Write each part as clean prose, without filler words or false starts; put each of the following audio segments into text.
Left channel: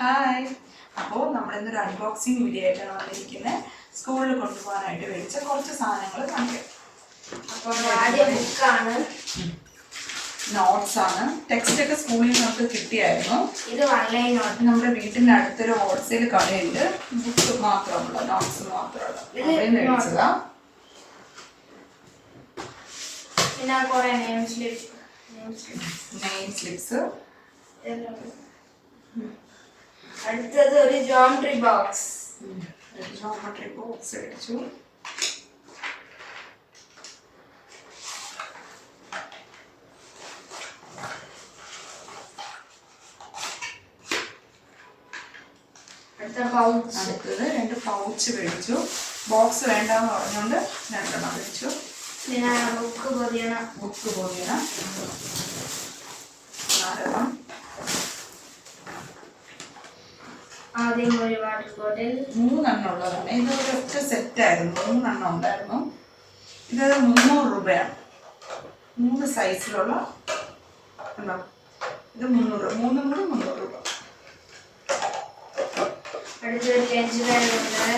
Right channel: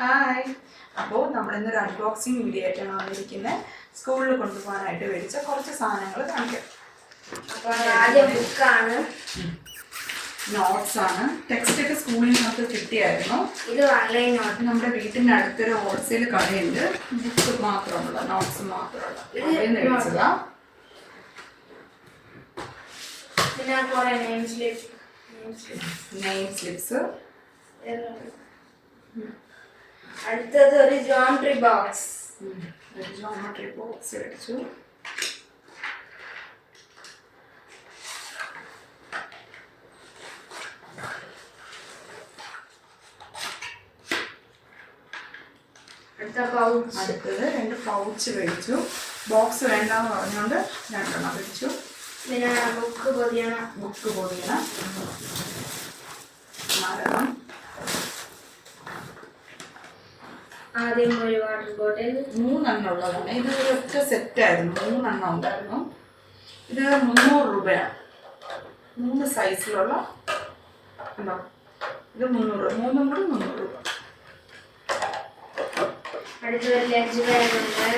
Hi. അപ്പോൾ നമ്മളിന്നൊരു unboxing video ആയിട്ടാണ് വന്നിരിക്കുന്നത്. സ്കൂളിൽ കൊണ്ടുപോകാനായിട്ട് മേടിച്ച കുറച്ച് സാധനങ്ങൾ കാണിക്കാം. അപ്പോൾ ആദ്യം ബുക്കാണ്, നോട്ട്സാണ്. ടെക്സ്റ്റ് ഒക്കെ സ്കൂളിൽ നമുക്ക് കിട്ടിയായിരുന്നു. ഇത് ഓൺലൈൻ നോട്ട്. നമ്മുടെ വീട്ടിൻ്റെ അടുത്തൊരു ഹോൾസെയിൽ കടയുണ്ട്, ബുക്ക് മാത്രമുള്ള നോട്ട്സ് മാത്രമുള്ള അവിടെ മേടിച്ചതാ. പിന്നെ കുറേ നെയിം സ്ലിപ്സ്. അടുത്തത് ഒരു ജോമെട്രി ബോക്സ്. മേടിച്ചു. അടുത്തത് 2 പൗച്ച് മേടിച്ചു. ബോക്സ് വേണ്ടെന്ന് പറഞ്ഞുകൊണ്ട് 2 മേടിച്ചു. പിന്നെ ബുക്ക് പൊതിയണ നാരകം. ആദ്യം ഒരു വാട്ടർ ബോട്ടിൽ 3 ഉള്ളതാണ്. ഇത് ഒറ്റ സെറ്റായിരുന്നു, 3 ഉണ്ടായിരുന്നു. ഇത് 300 രൂപയാണ്. 3 സൈസിലുള്ള ഇത് 300, 3 കൂടി 300 രൂപ. അടുത്തൊരു ലഞ്ച് ബാഗ് ഉണ്ട്.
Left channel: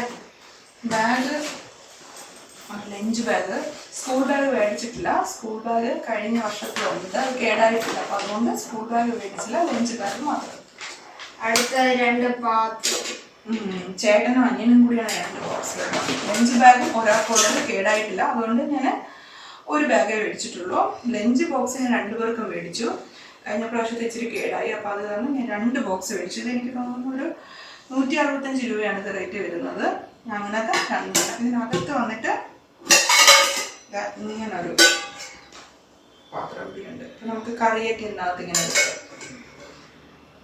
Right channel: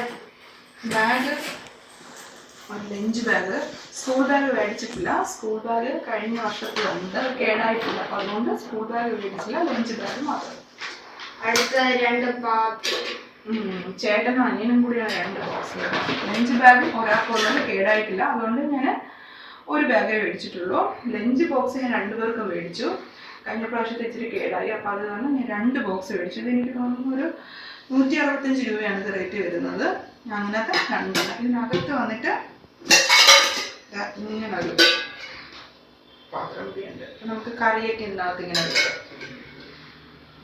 ലഞ്ച് ബാഗ് സ്കൂൾ ബാഗ് മേടിച്ചിട്ടില്ല. സ്കൂൾ ബാഗ് കഴിഞ്ഞ വർഷത്തിലുണ്ട്, കേടായിട്ടില്ല. അപ്പം അതുകൊണ്ട് സ്കൂൾ ബാഗ് മേടിച്ചില്ല, ലഞ്ച് ബാഗ് മാത്രം. അടുത്തത് 2 പാത്രം. ചേട്ടനും അനിയനും കൂടിയാണ് 2 ബോക്സ്. ലഞ്ച് ബാഗും ഒരാൾക്കുള്ളത് കേടായിട്ടില്ല, അതുകൊണ്ട് ഞാൻ ഒരു ബാഗേ മേടിച്ചിട്ടുള്ളൂ. ലഞ്ച് ബോക്സ് ഞാൻ 2 പേർക്കും മേടിച്ചു. കഴിഞ്ഞ പ്രാവശ്യത്തെ ഇച്ചിരി കേടായി, അപ്പോൾ അത് കാരണം ഞാൻ 2 ബോക്സ് മേടിച്ചു. ഇത് എനിക്ക് തോന്നുന്നു ഒരു 165 രൂപയാണ് ഇത് റേറ്റ് വരുന്നത്. അങ്ങനത്തെ 2. ഇതിനകത്ത് വന്നിട്ട് ഇങ്ങനൊരു പാത്രം കൂടിയുണ്ട്. അപ്പം നമുക്ക് കറിയൊക്കെ ഇതിനകത്ത് ഇങ്ങനെ വെക്കാം.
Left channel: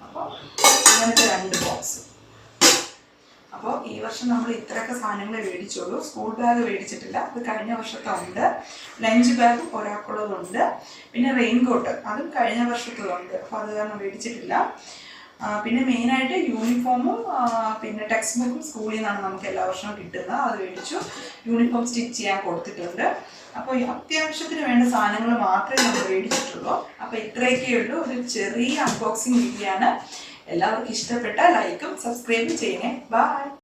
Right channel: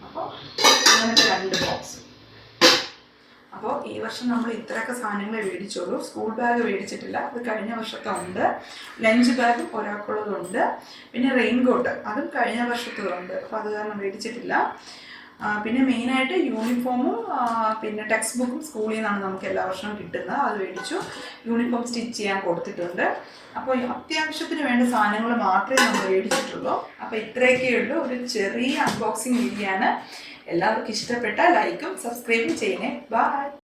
അപ്പോൾ അങ്ങനത്തെ 2 ബോക്സ്. അപ്പോൾ ഈ വർഷം നമ്മൾ ഇത്രയൊക്കെ സാധനങ്ങൾ മേടിച്ചോളൂ. സ്കൂൾ ബാഗ് മേടിച്ചിട്ടില്ല, അത് കഴിഞ്ഞ വർഷത്തെ ഉണ്ട്. ലഞ്ച് ബാഗ് ഒരാൾക്കുള്ളതുണ്ട്. പിന്നെ റെയിൻകോട്ട് അതും കഴിഞ്ഞ വർഷത്തുണ്ട്, അപ്പോൾ അത് കാരണം മേടിച്ചിട്ടില്ല. പിന്നെ മെയിനായിട്ട് യൂണിഫോമും പിന്നെ ടെക്സ്റ്റ് ബുക്കും സ്കൂളിൽ നിന്നാണ് നമുക്ക് എല്ലാ വർഷവും കിട്ടുന്നത്, അത് മേടിച്ചു. യൂണിഫോം സ്റ്റിച്ച് ചെയ്യാൻ കൊടുത്തിട്ടുണ്ട്. അപ്പോൾ അത്യാവശ്യത്തിന് വേണ്ട സാധനങ്ങൾ മാത്രമേ നമ്മൾ മേടിച്ചിട്ടുള്ളൂ. അപ്പോൾ ഇത്രയൊക്കെ ഉള്ളൂ, ഒരു ചെറിയ അൺബോക്സിങ് വീഡിയോ ആണ്. എല്ലാവർക്കും ഇഷ്ടപ്പെട്ട ലൈക്കും സബ്സ്ക്രൈബും ചെയ്യണേ. ബൈ.